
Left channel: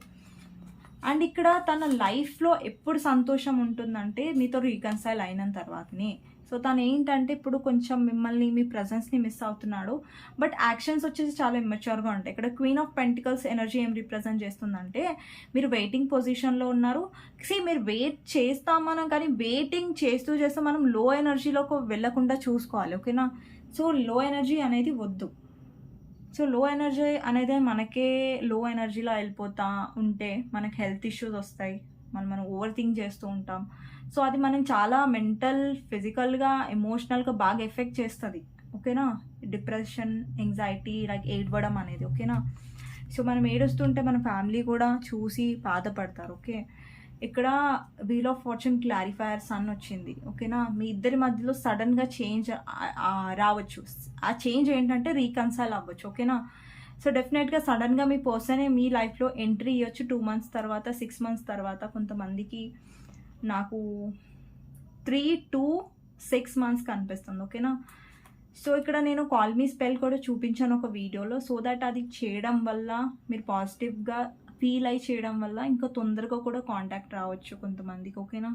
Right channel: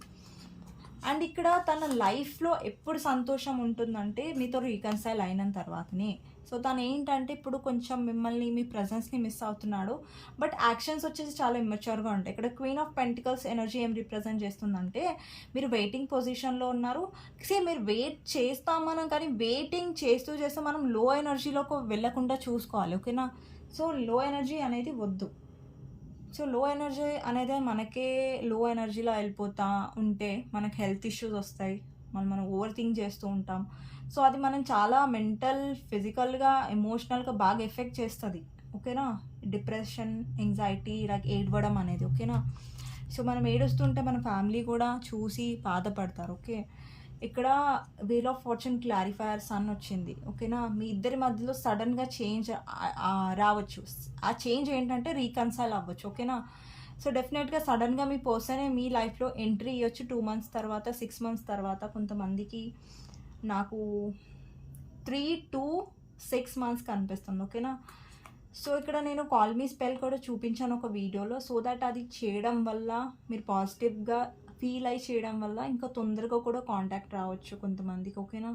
అండ్ ఇక్కడ తన లైఫ్లో ఎప్పుడు సంతోషం ఉంటుందంటే మీతో రీకన్సైల్ అయిన తర్వాతనే. సో తను ఏంటంటే ఇప్పుడు కొంచెం మిమ్మల్ని మీ ప్రజెన్స్ని మిస్ అవుతున్నాడు. బట్ యాక్షన్స్ వచ్చేసి చాలా ఇమ్మెచ్యూర్గా ఉంటాయి. ఇక్కడ క్వీన్ ఆఫ్ పెంటికల్స్ ఎనర్జీ ఏం రిప్రజెంట్ చేస్తుందంటే మీరు వెయిటింగ్ పొజిషన్లో ఉన్నారు. సే మీరు వెయిట్ చేస్తామనం కానీ వెయిటింగ్ చేస్తూ చేస్తూ మనం లో ఎనర్జీలోకి వెళ్ళకుండా చూసుకోవాలి. ఓకేనా సో లో ఎనర్జీ అనేది వద్దు. సో లో ఎనర్జీ అనేది మనకే లో ఎనర్జీలో వెళ్ళిపోతా ఉంటే మనకి హెల్త్ ఇష్యూస్ వస్తాయి. మనం మనం ఓవర్ థింక్ చేస్తూ ఉంటాం. సో అది మనం చాలా మెంటల్ ఫిజికల్గా ఎమోషనల్గా బాగా ఎఫెక్ట్ చేస్తుంది. ఓకేనా డిప్రెషన్ ఎంగ్జైటీ లైక్ ఏడవడం అనేది. ఓకేనా సో మనం ఏడుస్తుంటే మన ఫ్యామిలీ కూడా చూసి బాధపడతారు. ఓకే ఇక్కడ wheel of fortune clarifier sun వచ్చింది. ఓకేనా? మీ ఇద్దరి మధ్యలో సడన్గా చేంజ్ రావచ్చు. ఆ చేంజ్ ఏంటంటే రీకన్సైల్ అవ్వచ్చు. ఓకేనా? సో డెఫినెట్గా సడన్గా మీ పర్సనే మీ లైఫ్లో ఎంట్రీ ఇవ్వచ్చు టూ మంత్స్ తర్వాత సిక్స్ మంత్స్ తర్వాత కొంతమందికి నాకు త్రీ టూ సిక్స్ మంత్స్ కనిపిస్తుంది. ఓకేనా? సో ఇక్కడ నేను కాల్ మీ స్పెల్ కూడా చూపించాను ఒక వీడియోలో సో దట్ అది చేయడం వల్ల మీరు పాజిటివ్గా ఫీల్ అయి చేయడం వల్ల ఇంకా తొందరగా కూడా కాంటాక్ట్ రావచ్చు కొంతమందికి ఓకేనా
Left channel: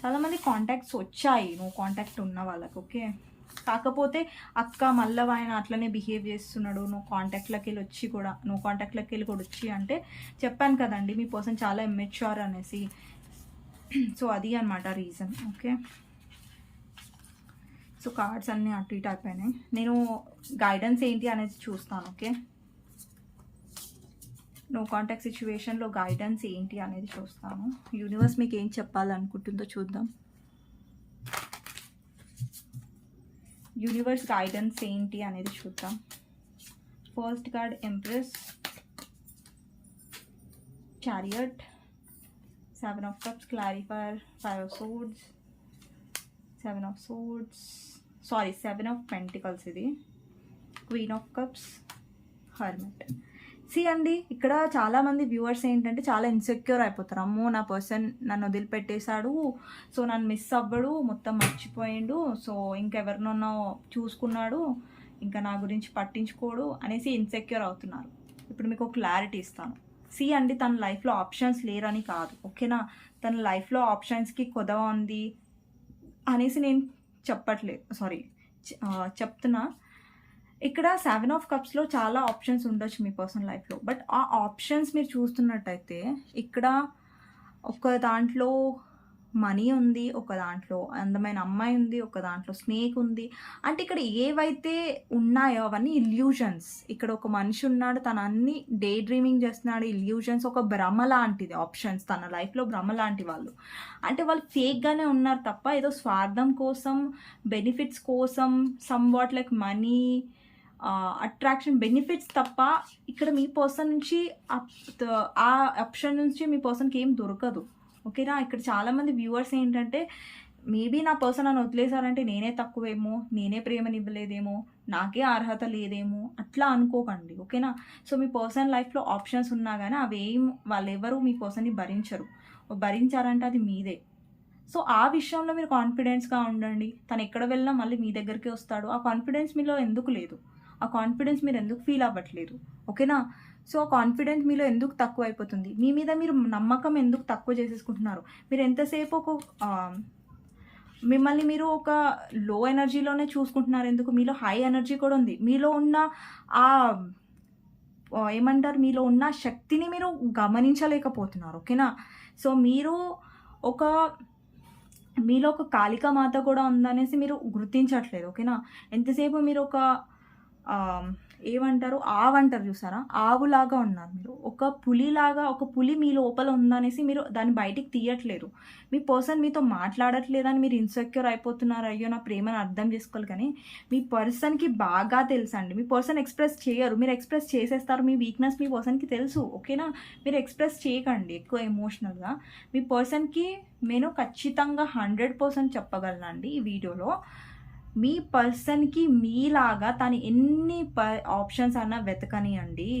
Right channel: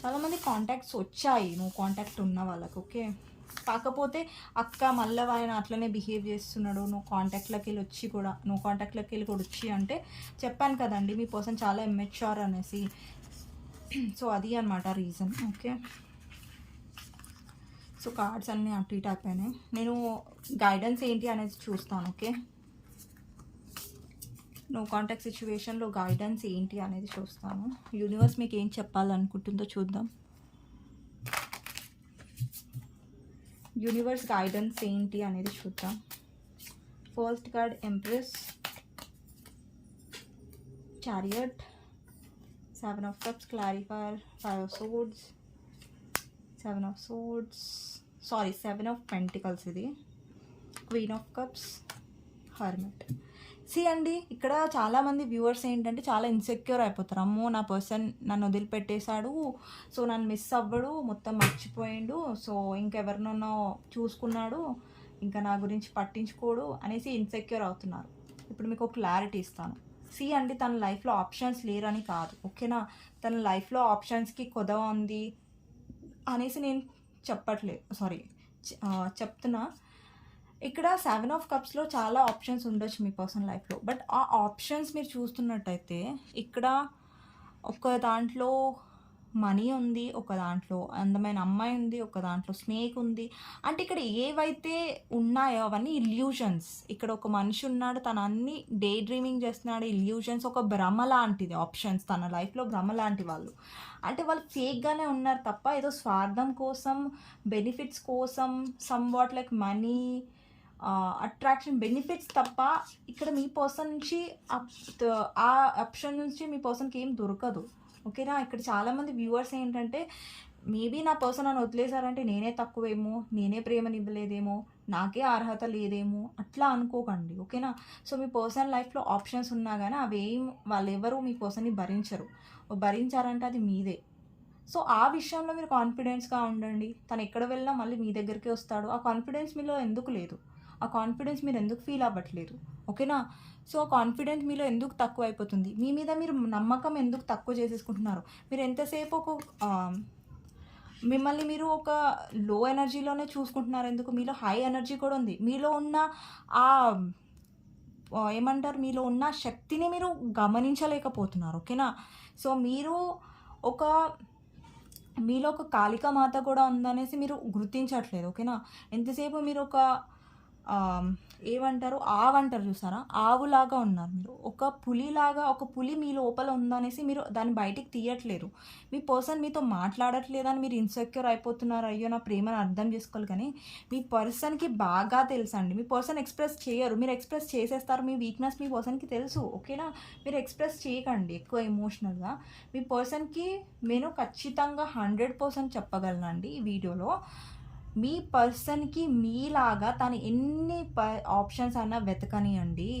చాలామంది కాంటాక్ట్స్ వచ్చాయి నువ్వు కాంటాక్ట్ ఉన్న వాళ్ళకి ఓకే కాకపోతే అక్క మళ్ళీ ఆయన అట్లనే బిహేవ్ చేస్తున్నాడు నువ్వు కాంటాక్ట్లోకి వెళ్ళి వచ్చి కూడా నువ్వు కాంటాక్ట్లోకి వెళ్ళి కూడా వచ్చి అంటే చెప్పాను కదండి మీ పర్సన్ చాలా ఎమ్మెచ్యూర్ అనేసి. సో అది అనమాట రీజన్ ఓకే సో కార్డ్స్ అన్నీ అటు ఇటు అయిపోయినాయి. నేను గైడెన్స్ ఏంటి అనేది చూస్తాను ఓకే నువ్వు కాంటాక్ట్ సిచ్యువేషన్లో గైడెన్స్ ఏంటి అనేది చూస్తాను. యూనివర్స్ మీకు ఏం చెప్పాలనుకుంటుందో చూద్దాం. యూనివర్స్ గైడెన్స్ ఏంటి అనేది చూద్దాం. First card empress chariot seven of cups clarifier five of swords seven of swords sorry seven of pentacles ఇది. క్వీన్ ఆఫ్ కప్స్ హర్మిట్ సి అండి ఇక్కడ చాలామంది వ్యూవర్స్ ఏంటంటే చాలా ఇన్సెక్యూర్ అయిపోతారు. అమ్మో నా పర్సన్ నన్ను వదిలిపెట్టేశాడు సో నన్ను మిస్ అవ్వడు మొత్తం మర్చిపోయిండు సో ఇంకెవరినో చూసుకున్నాడు ఇంకా నా గురించి పట్టించుకోడు అనేసి ఇన్సెక్యూర్ అవుతున్నారు. ఇప్పుడు మీకు ఒక క్లారిటీ ఇస్తాను. సి అండి తన లైఫ్లో ఆప్షన్స్ లేరని కాదు ఓకేనా తన లైఫ్లో ఆప్షన్స్కి కొదవ ఉంది అనేసి నేను చెప్పట్లేదు సారీ చెప్తున్నా. ఇక్కడ సెవెన్ ఆఫ్ కప్స్లో చాలా ఆప్షన్స్ ఉండొచ్చు మీ పర్సనల్ లైఫ్లో బట్ ఆ ఆప్షన్స్ మీరు చూస్తున్నట్టయితే ఇక్కడ ఒక దాంట్లో మనీ ఉంది ఒక దాంట్లో అందమైన అమ్మాయి ఉంది ఒక దాంట్లో స్నేక్ ఉంది. అంటే ఇక్కడ ఏవైతే ఉన్నాయో అవన్నీ ఇల్యూషన్స్ ఇక్కడ ఒక మనిషి ఉన్నాడు తన అన్ని డే డ్రీమింగ్ చేస్తున్నాడు ఇల్యూషన్స్ ఒక భ్రమ లాంటిది ఆప్షన్స్ తన లైఫ్లో భ్రమ లాంటి వాళ్ళు. అంటే వాళ్ళు ఫేక్గానే ఉన్నారు తప్ప ఏదో స్వార్థం కోసం బెనిఫిట్స్ కోసం somewhat like money attraction benefits తప్ప ఇక్కడ మీ పర్సన్ నుంచి అప్- ఆ ఆప్షన్ నుంచి మీ పర్సన్కి ఏం దొరకదు. ఓకేనా ఇక్కడ చాలామంది వ్యూవర్స్ ఏంటంటే మేబీ నా పర్సన్ నన్ను వదిలేశారంటే నేనే తక్కువేమో నేనే ప్రేమనివ్వలేదేమో నాకే అర్హత లేదేమో అట్లా అనుకోకండి. ఓకేనా సో మీ పర్సనల్ లైఫ్లో ఆప్షన్స్ ఉన్నా కానీ అవేం వాళ్ళు ఎవరు మీ పర్సన్ని భరించరు. భరించారంటే అది మీదే. సో ఆ విషయంలో మీరు కాన్ఫిడెన్స్గా ఉండండి. తను ఎక్కడ వెళ్ళినా మళ్ళీ మీ దగ్గరికే వస్తాడు. ఆ కాన్ఫిడెన్స్ మీలో ఎందుకు లేదు? ఆ కాన్ఫిడెన్స్ మీరు ఎందుకు ఫీల్ అవ్వట్లేదు? ఓకేనా సో ఆ కాన్ఫిడెన్స్ మీలో ఎందుకు తక్కువ అయిపోతుంది? మీ మీద మీరు నమ్మకం ఎందుకు తక్కువ చేసేసుకుంటున్నారు? మీరు ఎంతసేపు ఒక మిమ్మల్ని మీరు ఒక లో ఎనర్జీలోనే చూసుకుంటున్నారు ఎందుకు? మీలో హై ఎనర్జీ కూడా ఉంది. మీలో ఉన్న ఆ ఏమంటారు? మీలో ఉన్న శక్తిని మీరు గమనించలేకపోతున్నారు. ఓకేనా సో మీరు ఒక మీలో ఒక కాళిక మాత కూడా ఉందనేసి మీరు గుర్తించట్లేదు. ఓకేనా ఎంతసేపు మీరు ఒక ఏమంటారు? ఆవు అంటారు చూసారా? ఆవులాగా ఉన్నారు మీరు. ఒక పులిలాగా ఒక పులి మీ లోపల ఉందనేసి మీరు దాన్ని బయటికి తీయట్లేదు మీ పర్సన్ మీతో మాట్లాడట్లేదని మీరు ఇన్సెక్యూర్ అయిపోతున్నారు. అయ్యో నా ప్రేమను అర్థం చేసుకోవాలి కానీ మీ పర్సన్కి బాగా తెలుసండి. మీ పర్సన్ ఎక్స్ప్రెస్ చేయరు. మీరు ఎక్స్ప్రెస్ చేసేస్తారు. మీ వీక్నెస్ మీ పర్సన్కి తెలుసు. ఓకేనా? మీరు ఎక్స్ప్రెస్ చేయకండి ఎక్కువ ఎమోషనల్గా మీ పర్సన్కి నేను ఖచ్చితంగా హండ్రెడ్ పర్సెంట్ చెప్పగలనండి ఈ వీడియోలో. మీ పర్సన్కి మీలాగా తను ఎన్ని ప ఆప్షన్స్ అన్నా వెతకనియండి.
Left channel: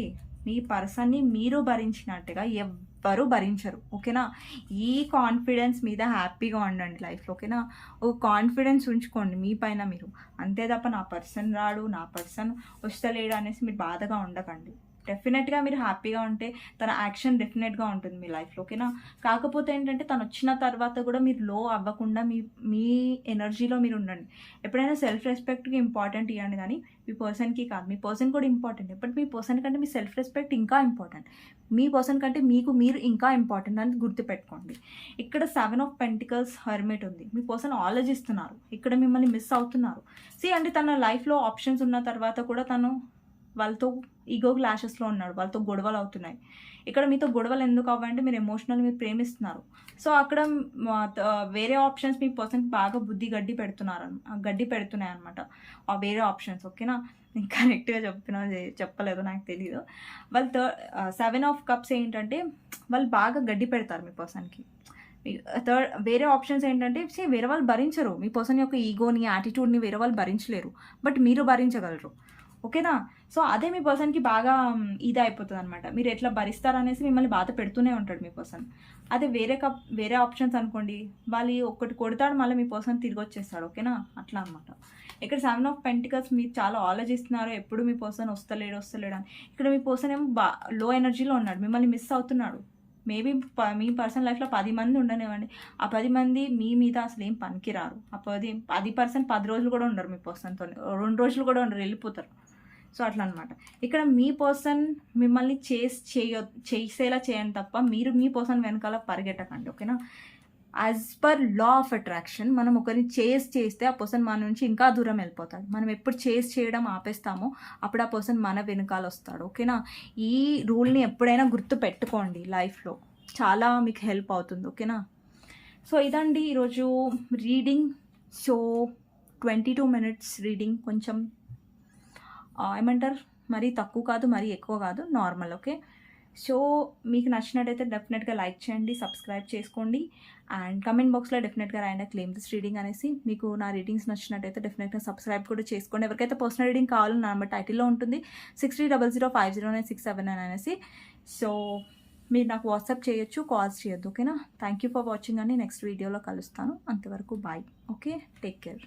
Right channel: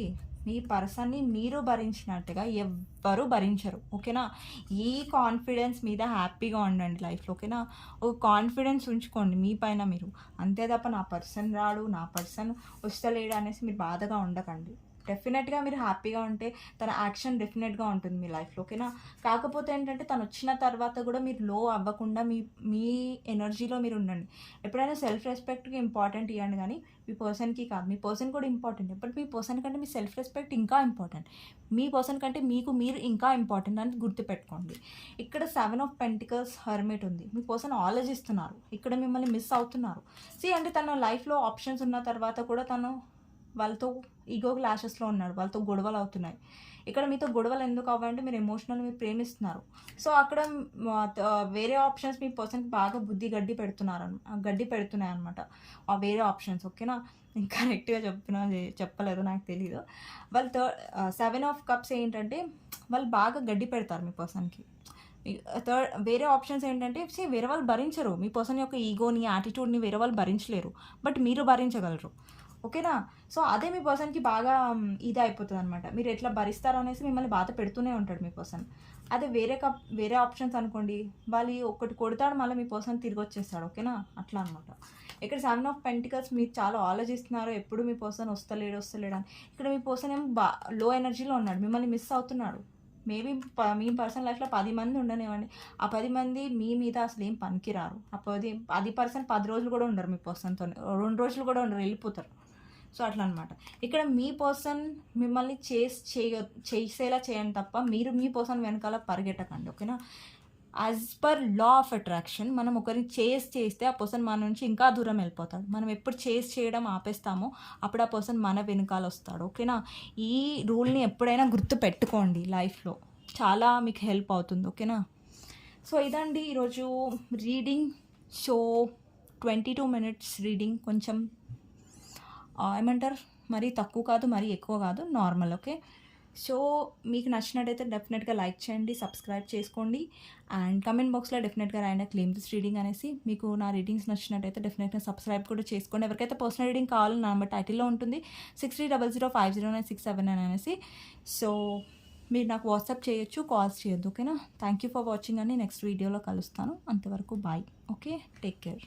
మీ పర్సన్ని మీరు భరించినట్టుగా ఎవ్వరు భరించరు. ఓకేనా? ఈ కాన్ఫిడెన్స్ మీద హ్యాపీగా ఉండండి లైఫ్లో ఓకేనా? ఒక కాన్ఫిడెన్స్ ఉంచుకోండి మీ పైన మీరు. అంతే తప్ప నా పర్సన్ రాడు నా పర్సన్ వస్తలేడు అనేసి మీరు బాధగా ఉండకండి. డెఫినెట్గా మీరు హ్యాపీగా ఉంటే తన యాక్షన్ డెఫినెట్గా ఉంటుంది మీ లైఫ్లో ఓకేనా? కాకపోతే ఏంటంటే తను వచ్చిన తర్వాత కూడా మీరు లో అవ్వకుండా మీ మీ ఎనర్జీలో మీరు ఉండండి. ఎప్పుడైనా సెల్ఫ్ రెస్పెక్ట్కి ఇంపార్టెంట్ ఇవ్వండి కానీ మీ పర్సన్కి కాదు. మీ పర్సన్ కూడా ఇంపార్టెంట్ బట్ మీ పర్సన్ కంటే మీ సెల్ఫ్ రెస్పెక్ట్ ఇంకా ఇంపార్టెంట్ మీ పర్సన్ కంటే మీకు మీరు ఇంకా ఇంపార్టెంట్ అని గుర్తుపెట్టుకోండి. ఇక్కడ సెవెన్ ఆఫ్ పెంటికల్స్ హర్మిట్ ఉంది. మీ పర్సన్ ఆలోచిస్తున్నారు. ఇక్కడ మిమ్మల్ని మిస్ అవుతున్నారు. సీ అంటే తన లైఫ్లో ఆప్షన్స్ ఉన్న తర్వాత కూడా తను వాళ్ళతో ఈగో క్లాషెస్లో ఉన్నాడు వాళ్ళతో గొడవలు అవుతున్నాయి. ఇక్కడ మీతో గొడవలు ఎందుకు అవ్వంటే మీరు ఎమోషనల్ మీరు ప్రేమిస్తున్నారు. సో అక్కడ వేరే ఆప్షన్స్ మీ పర్సన్ బాగా బుద్ధి గడ్డి పెడుతున్నారు గడ్డి పెడుతున్నాయి అనమాట ఆ వేరే ఆప్షన్స్ ఓకేనా? కరెక్ట్గా చెప్పినా చెప్పలేదు నాకు తెలీదు. వాళ్ళు థర్డ్ సెవెన్ ఆఫ్ కప్స్ ఏంటంటే వాళ్ళు బాగా గడ్డి పెడతారు మీ పర్సన్కి థర్డ్ వేరే ఆప్షన్స్ ఏంటంటే వేరే వాళ్ళు భరించరు. మీ పర్సన్ యొక్క ఈగోని యాటిట్యూడ్ని వేరే వాళ్ళు భరించలేరు. బట్ మీరు భరించగలరు. ఓకేనా? సో అదే మీ పర్సన్కి బాగా ఇది అయిపోతుంది అనమాట మీరు ఎట్లా భరిస్తారనేసి మిమ్మల్ని బాధ పెడుతూనే ఉంటాడు మీ పర్సన్. అదే వేరే కప్ వేరే ఆప్షన్స్ అనుకోండి వాళ్ళు ఒకటి కొడతాడు మళ్ళీ మీ పర్సన్ తిరిగి వచ్చేస్తాడు ఓకేనా? అట్లా అనమాట ఇక్కడ సెవెన్ ఆఫ్ పెంటికల్స్ మీరు చాలా ఆలోచిస్తున్నారు ఎప్పుడు మీ పర్సన్ వస్తలేడు వస్తలేడు అని. ఇక్కడ మీ పర్సన్ ఏమో బా లో ఎనర్జీలో ఉన్నాడు మిమ్మల్ని మిస్ అవుతున్నాడు. మేబీ మీ పర్సన్ లైఫ్లో పది మంది ఉండనివ్వండి. ఆ పది మంది మీ మీద అసలు ఏం పనికిరారు. ఆ పది పది పర్సెంట్ పది రోజులు కూడా ఉండరు మీ పర్సన్తో రెండు రోజులు కూడా ఉండరు వెళ్ళిపోతారు. సో అట్లా అనమాట ఇక్కడ మీ పర్సన్ మిమ్మల్ని చేస్ చేయ చేసేలా చేయండి తప్ప మీరు మీ పర్సన్ వెనకాల పరిగెట్టకండి ఓకేనా? As per law of attraction మనం ఒకరిని చేస్ చేస్తే ఆ పర్సన్ మన నుంచి ఇంకా దూరం వెళ్ళిపోతాడు. మనం ఎప్పుడు చేస్ చేయడం ఆపేస్తామో అప్పుడు ఆ పర్సన్ మన వెనకాల వస్తాడు ఓకేనా? ఈ రూల్ని ఎప్పుడైనా గుర్తు పెట్టుకోండి లైఫ్లో. చాలా మీకు హెల్ప్ అవుతుంది ఓకేనా? సో ఇదండి ఈరోజు reading. So twenty two minutes reading. కొంచెం ఏమంటారు? మరీ తక్కువ కాదు మరీ ఎక్కువ కాదు నార్మల్ ఓకే సో మీకు నచ్చినట్టయితే డెఫినెట్గా లైక్ చేయండి సబ్స్క్రైబ్ చేసుకోండి అండ్ కమెంట్ బాక్స్లో డెఫినెట్గా రాయండి. క్లెయిమ్ దిస్ రీడింగ్ అనేసి మీకు నా రీడింగ్స్ నచ్చినట్టయితే డెఫినెట్గా సబ్స్క్రైబ్ కూడా చేసుకోండి. ఎవరికైతే పర్సనల్ రీడింగ్ కావాలో నా నెంబర్ టైటిల్లో ఉంటుంది six three double zero five zero nine six seven nine అనేసి. సో మీరు నాకు వాట్సాప్ చేయొచ్చు కాల్స్ చేయొద్దు ఓకేనా థ్యాంక్ యూ ఫర్ వాచింగ్ అని నెక్స్ట్ వీడియోలో కలుస్తాను. అంతవరకు బాయ్ ఓకే టేక్ కేర్